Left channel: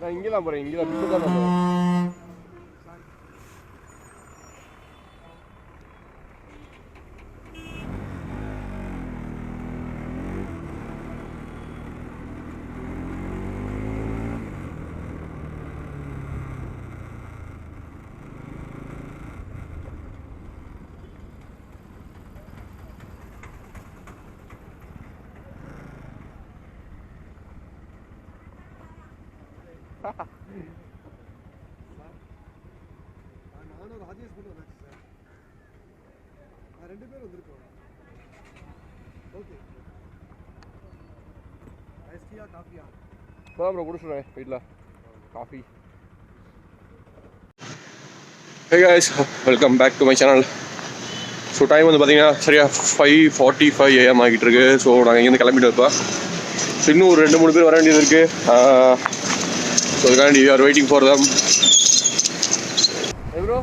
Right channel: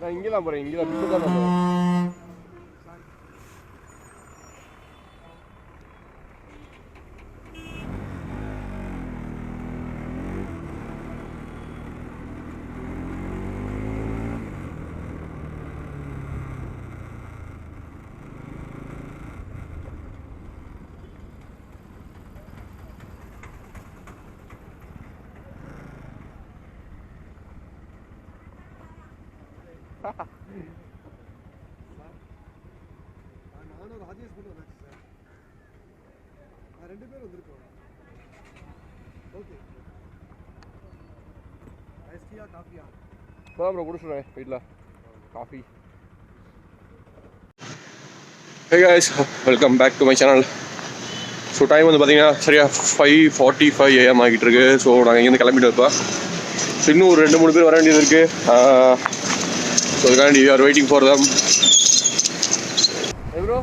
நான் இங்கே தான் போகிறேன், இங்கே தான் பிட்டு தான் போகிறேன். நானும் ராஜேஷ் மட்டும் வந்தாச்சு சார். நான் 2 பேர் வந்திருக்கோம். ஓகே. ஐஸ்டியா காஃபியா? இப்போ ப்ரோ குடிச்சுடுறேன் வீட்டில் coffee. Hey guys, welcome back to my channel. So time வந்து பார்த்தீங்கன்னா சரியா 5:45 AM ஆகிட்டு இருக்கு. ஸோ நாங்கள் இங்கேருந்து கிளம்பிட்டு இருப்போம். ஸோ இன்னும் ஒரு 2-3 பேர் வர வேண்டியது இருக்குது. So we are waiting for them. Hey bro.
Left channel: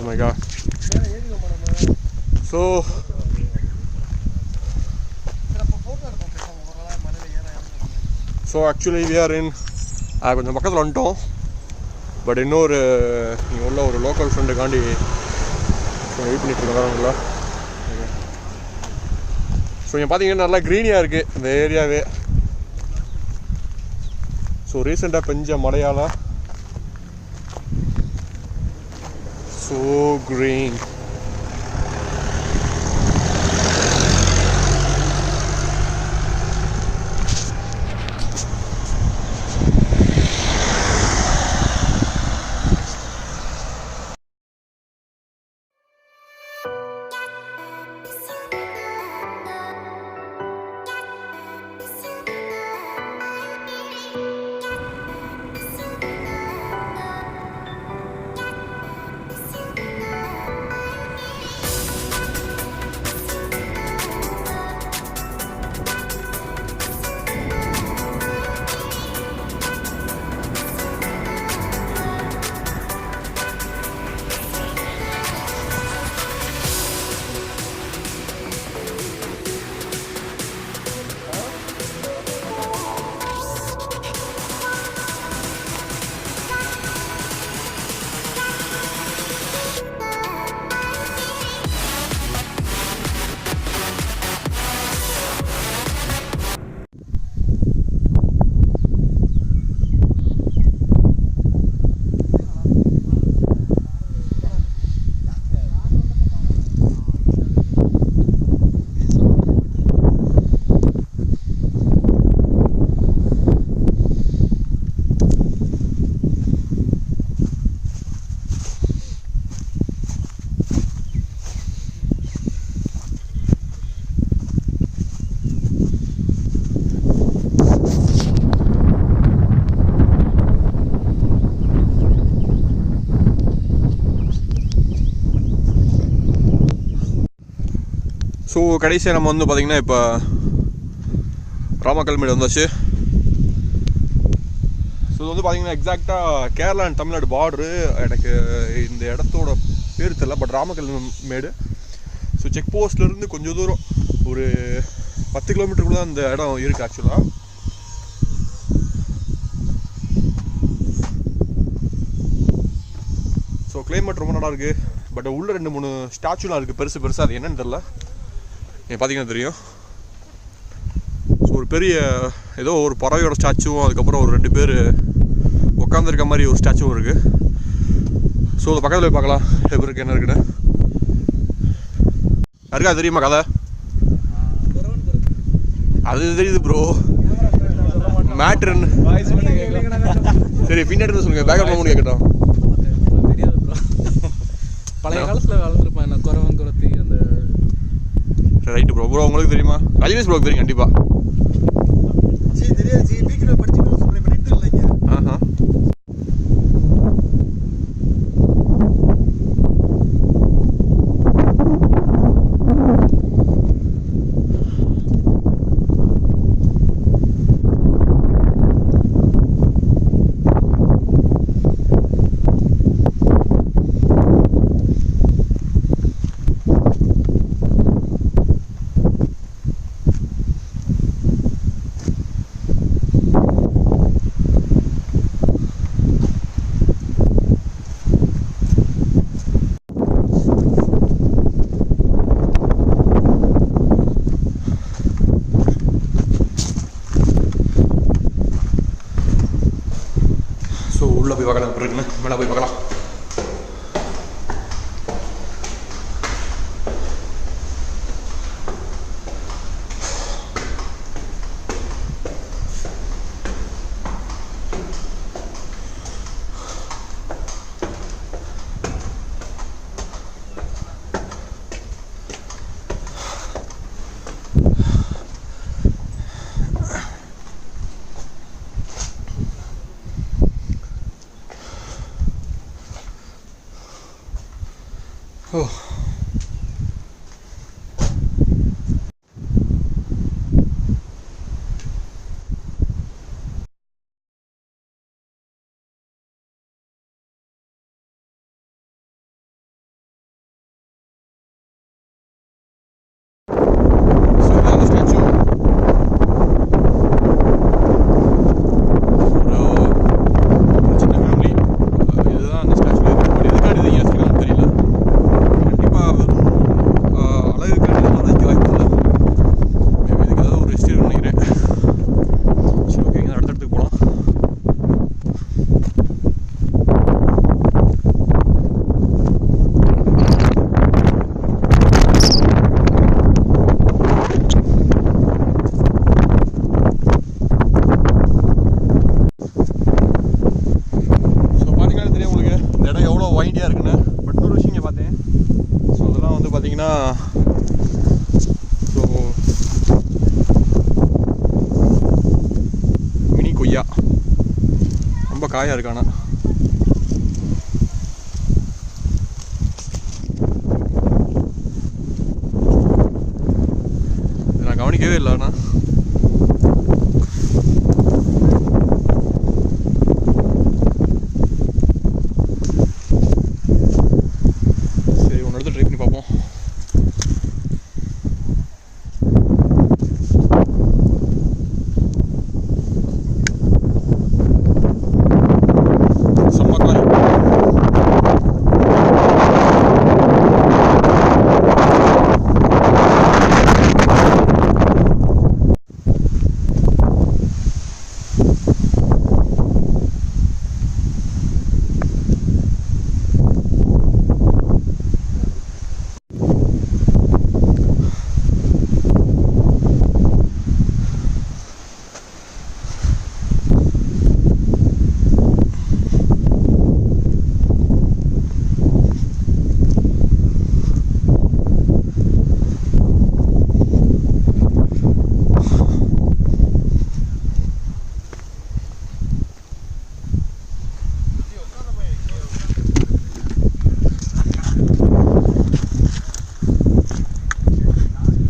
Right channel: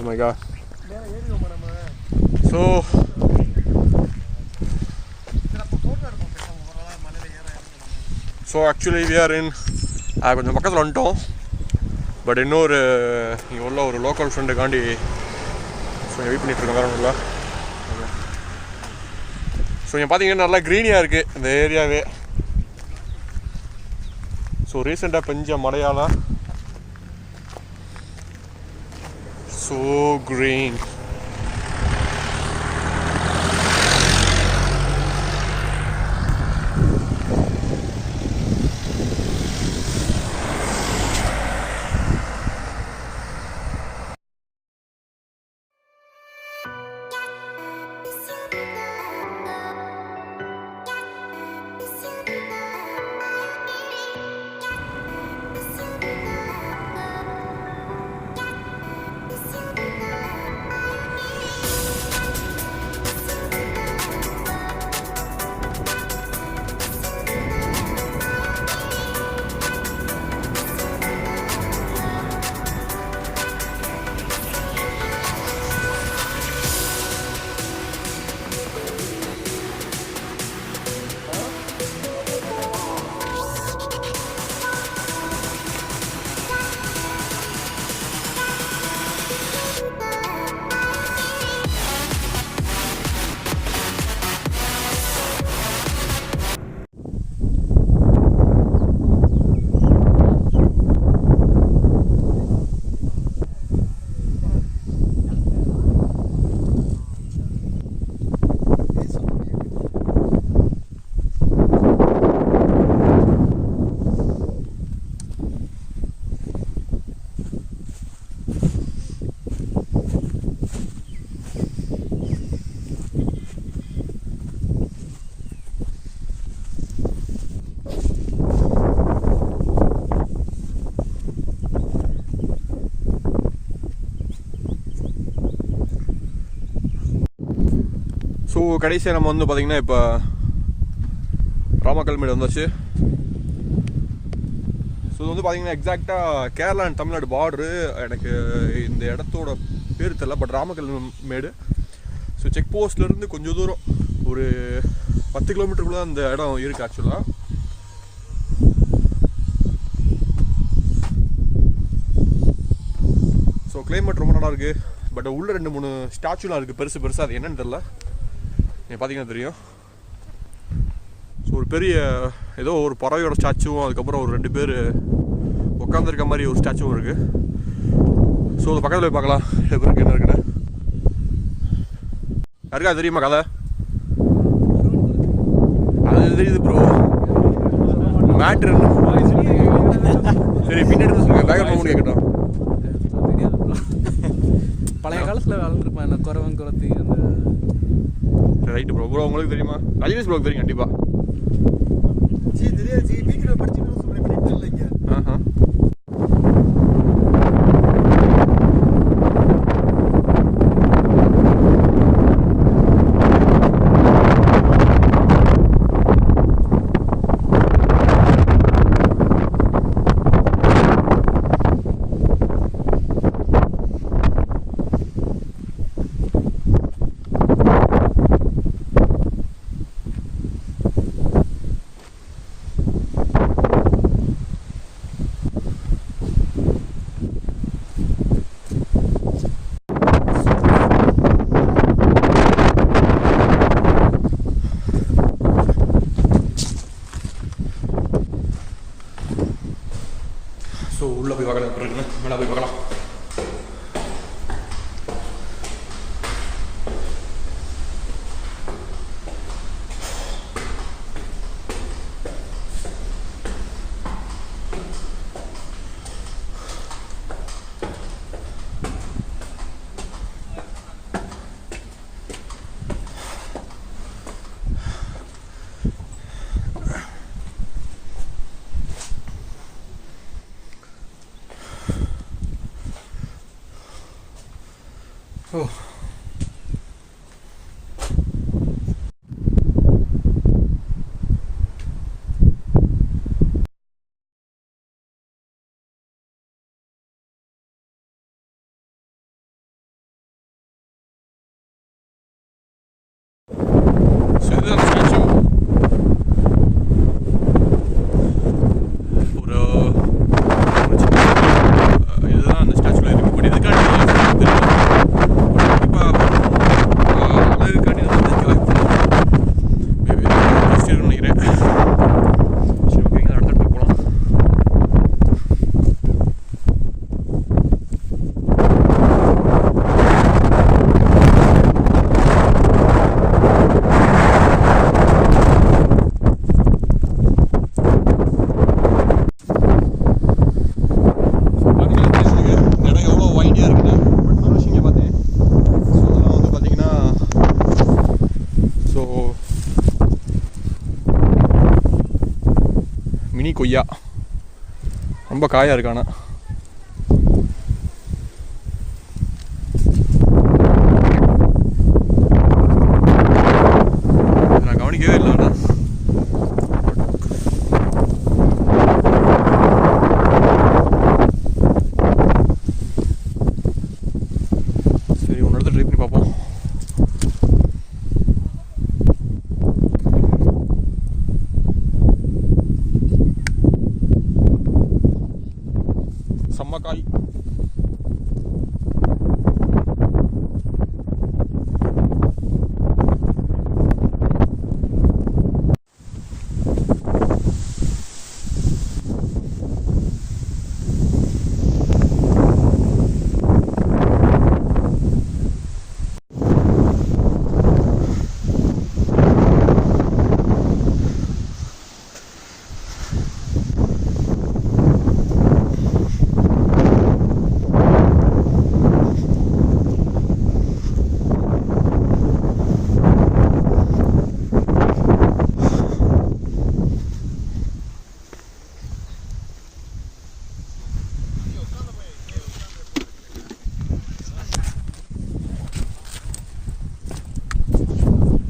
Oh my god. So actually we are in கொஞ்சம் பக்கத்தில் வந்துட்டோம். பட் இன்னொரு இங்கே உள்ள ஒரு லோக்கல் ஃப்ரெண்டுக்காண்டி வெயிட் பண்ணிகிட்ருக்கோம். வேறு ஒன்றும் இல்லை. ஸோ இங்கே பார்த்தீங்கன்னா நல்லா க்ரீனியாக இருக்குது இந்த ஏரியாவே. ஸோ ரீசெண்டாக பெஞ்ச மழையால் so green. ஸோ கடைசியாக நம்ம வந்து பார்த்திங்கன்னா இப்போ ராமக்கல்மேடு வந்தாச்சு. ஸோ இது வந்து பார்த்திங்கன்னா எக்ஸாக்டாக கேரளா அண்ட் தமிழ்நாடு பார்டரு. எனக்கு இந்த இடத்தோட பேர் தெரியல, பட் ராமக்கல்மேடு. ஸோ செக் போஸ்ட்லேருந்து கொஞ்சம் தூரம் ஒரு 10 கிலோமீட்டருக்குள்ள அந்த இடம் இருக்குது ஆக்சுவலாக. ஸோ கிளைமேட் ரொம்ப நல்லா இருக்குது. பட் உள்ள 2-3 ஸ்டாச்சுலாம் இருக்குது பெருசு பெருசாக. அது என்னன்னு தெரில, பார்த்தீங்கன்னா தெரியும். ஸோ ஒரு பெரிய ஏதோ ஒரு பறவையோட ஸ்டாச்சுவும், அதுக்கப்புறம் ஒரு 2 பேர் உட்காந்துருக்க மாதிரி ஒரு ஸ்டாச்சுவும் இருக்குது. ஸோ அது பக்கத்தில் போய் பார்க்கலாம் எப்படி இருக்குது என்ன இருக்குன்னு. யாருக்கா தெரியுமா கதை? அது தெரியுது ப்ரோ, மேட்ரு. சரி பின்னாடி சொல்லுங்க, பேக்ரவுண்ட் மூணு கேட்கட்டும். பழைய காலத்தில் வளர்ந்துருப்பேன் இந்த குறவன் குளத்தி. Right bro. ப்ரோ உங்களுக்கு தெரியுமா? ரஜினிஸ் ப்ரோக்கு தெரியும் கண்டிப்பாக. தெரியாது ஜி, வீக்கில் படிச்சுக்கணும்னு சொல்கிறேன், நெட் இல்லைங்க. ஆஹா. ஸோ உள்ளே போய் பார்க்கலாம் எப்படி இருக்குன்னு. மேலே போய் பார்க்கலாம். ஓ கொய்யா ரொம்ப காயாக இருக்கானா. நான் கவனிக்கவே இல்லை. ஆனால் சரி ஒன்று இடத்துல ட்ரை பண்ணி பார்ப்போம்.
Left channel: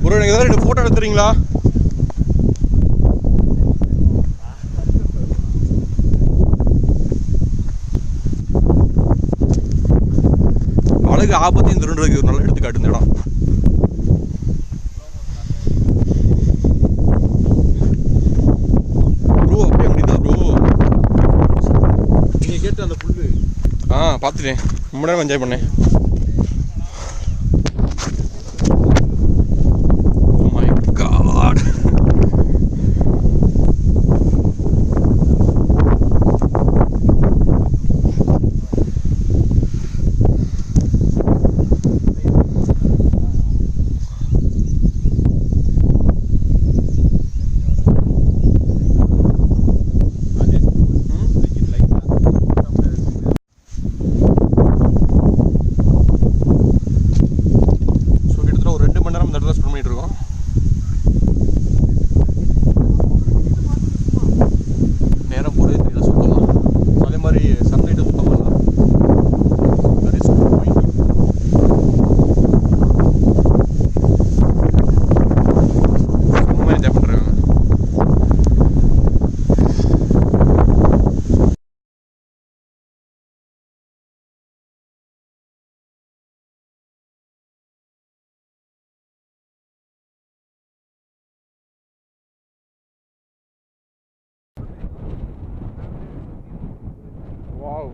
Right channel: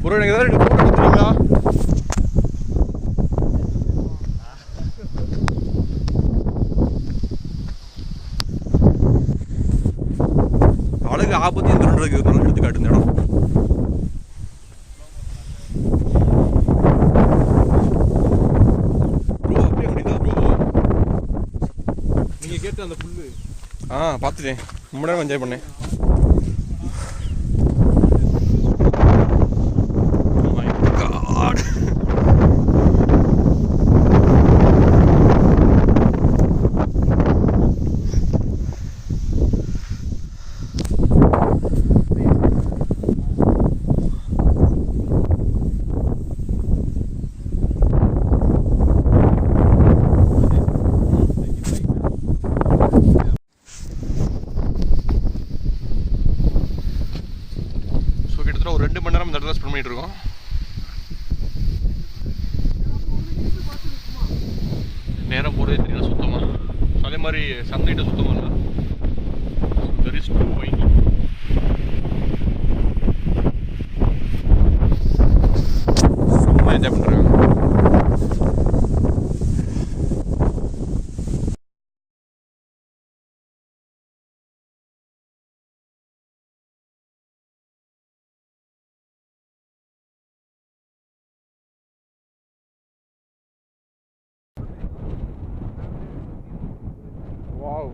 ப்ரோ எனக்கு ஏதாவது 2 ஃபோட்டோ எடுத்துறீங்களா? அழகு ஆபத்தையும் திருடுறதுக்கு ஒரு நல்ல எடுத்துக்காட்டு இந்த இடம். பார்த்துட்டேன். ரொம்ப நேரம் என்ஜாய் பண்ணேன். My God. ஒரு 2 மணி நேரம் இந்த இடத்துல ஸ்பெண்ட் பண்ணிட்டு இருக்கோம். நேரம் போகிறதே தெரியல சுத்தமாக. அதே மாதிரி சன்லைட்டு சுத்தமாக இல்லை. Very slowing. சும்மா என்ஜாய் பண்ணுறாங்க. Wow.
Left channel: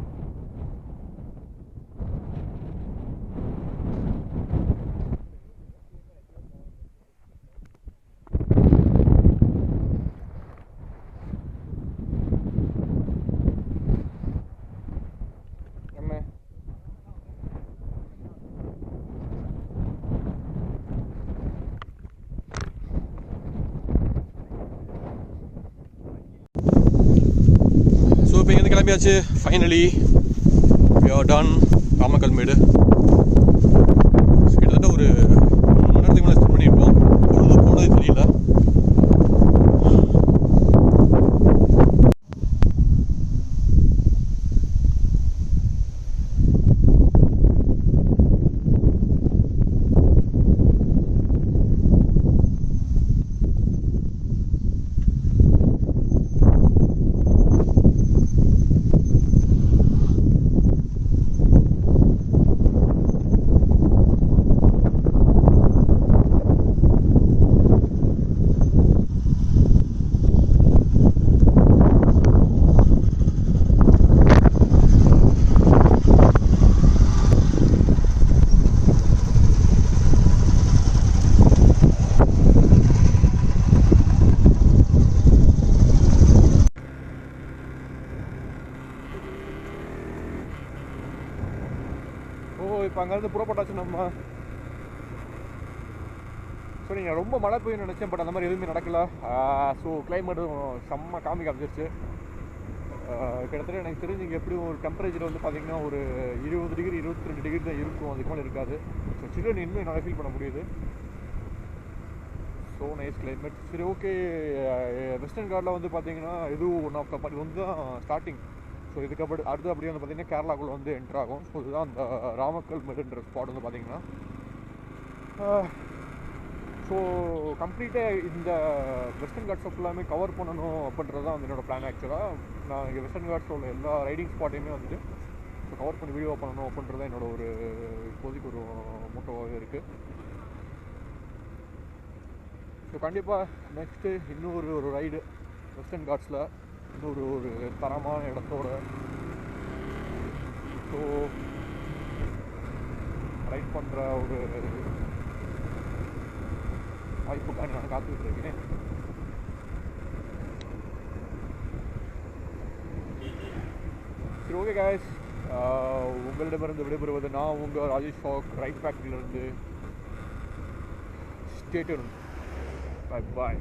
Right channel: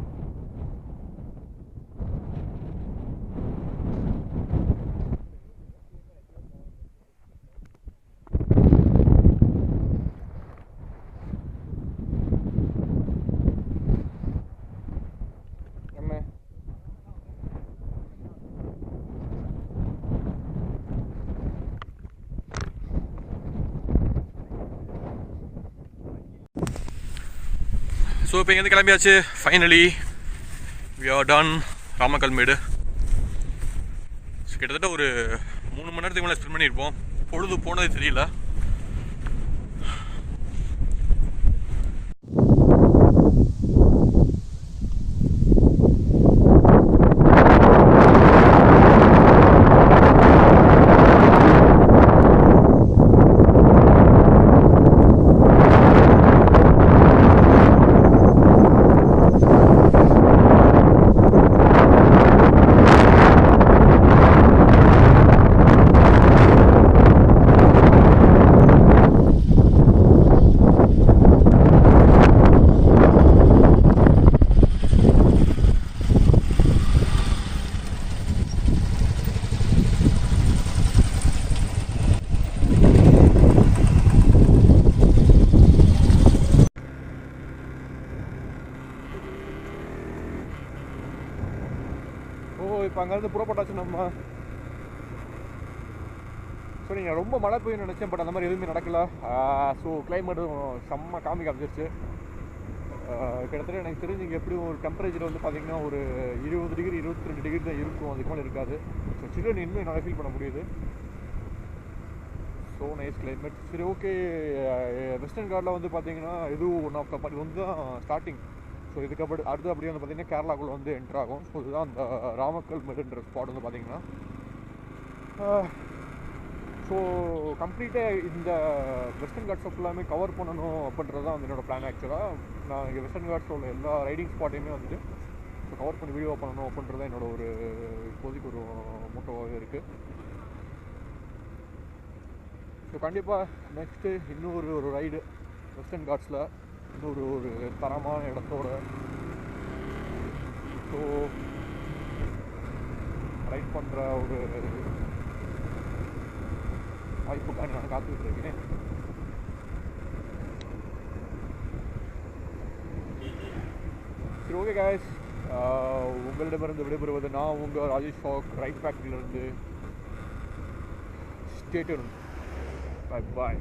ஸோ இப்போ இங்கேருந்து கிளம்பியாச்சு. Finally we are done Ramakkalmedu. கிட்டத்தட்ட ஒரு 3 மணி நேரத்துக்கு மேலே ஸ்பெண்ட் பண்ணியிருப்போம். பொழுது போனதே தெரியல. இப்போ அங்கேருந்து புறப்பட்டாச்சு நம்ம. ஸோ நீங்கள் ரொம்ப மழை பெய்யும் நினச்சேன், பட் அந்த மாதிரி எதுவுமே நடக்கல. ஸோ கிளைமேட்டும் செம்ம காமிச்சிருச்சு. கிட்டத்தட்ட எனக்கு தெரிஞ்சு இங்கே எப்படியும் ஒரு டெம்பரேச்சர் வந்து பார்த்திங்கன்னா ஒரு 20 டிகிரி 22 டிகிரி தான் இருக்கும், அதுக்கு மேலே இருக்காது. ஸோ சில்லுன்னு இன்னும் என்னால் ஃபீல் பண்ண முடியுது. So nice climate. சரி, ஓகே. வெஸ்டர்ன் கார்டில் வந்து பார்த்திங்கன்னா இதுவும் ஒன் ஆஃப் த பார்ட் வந்து தான் ஸ்டார்டிங். ஸோ இதுக்கப்புறம் அடுத்து அப்படியே வந்து பார்த்திங்கன்னா கேரளாக்குள்ளே வந்து என்ட்ரு ஆகும். ஸோ இதுதான் அந்த ராமக்கல்மெடுன்ற ஸ்பாட் வந்து பார்த்திங்கன்னா. ஸோ கம்ப்ளீட்டாக இந்த வெஸ்டர்ன் காட்ஸை ஃபுல்லாமே கவர் பண்ணணும் அப்படின்றது தான் வந்து என்னோடய பிளான். ஆக்சுவலாக நான் இங்கே வெஸ்டர்ன் காட்ஸில் உள்ள எல்லா ரைடிங் ஸ்பாட்டையுமே வந்துட்டு ஸோ கவர் பண்ணி வீடியோ பண்ணணும் அப்படின்றது தான் என்னோட ஒரு இப்போதைக்கு ஒரு மோட்டோவாகவே இருக்குது. ஸோ கண்டிப்பாக நெக்ஸ்ட்டு இன்னொரு ஒரு ரைடு வெஸ்டர்ன் காட்ஸில் ஒரு தரமான இடத்தோட ஸோ ரைட் பண்ணுற ஒரு வாய்ப்புக்காக நான் காத்துக்கிட்டு இருக்கேன். சரி, ஓகே காய்ஸ், உங்களிடமிருந்து விடைபெறுவது நான் உங்கள் ராஜேஷ் ஷாக் ரைட் ஃபேக்ட்ரியிலிருந்து. Stay tuned. Bye bye.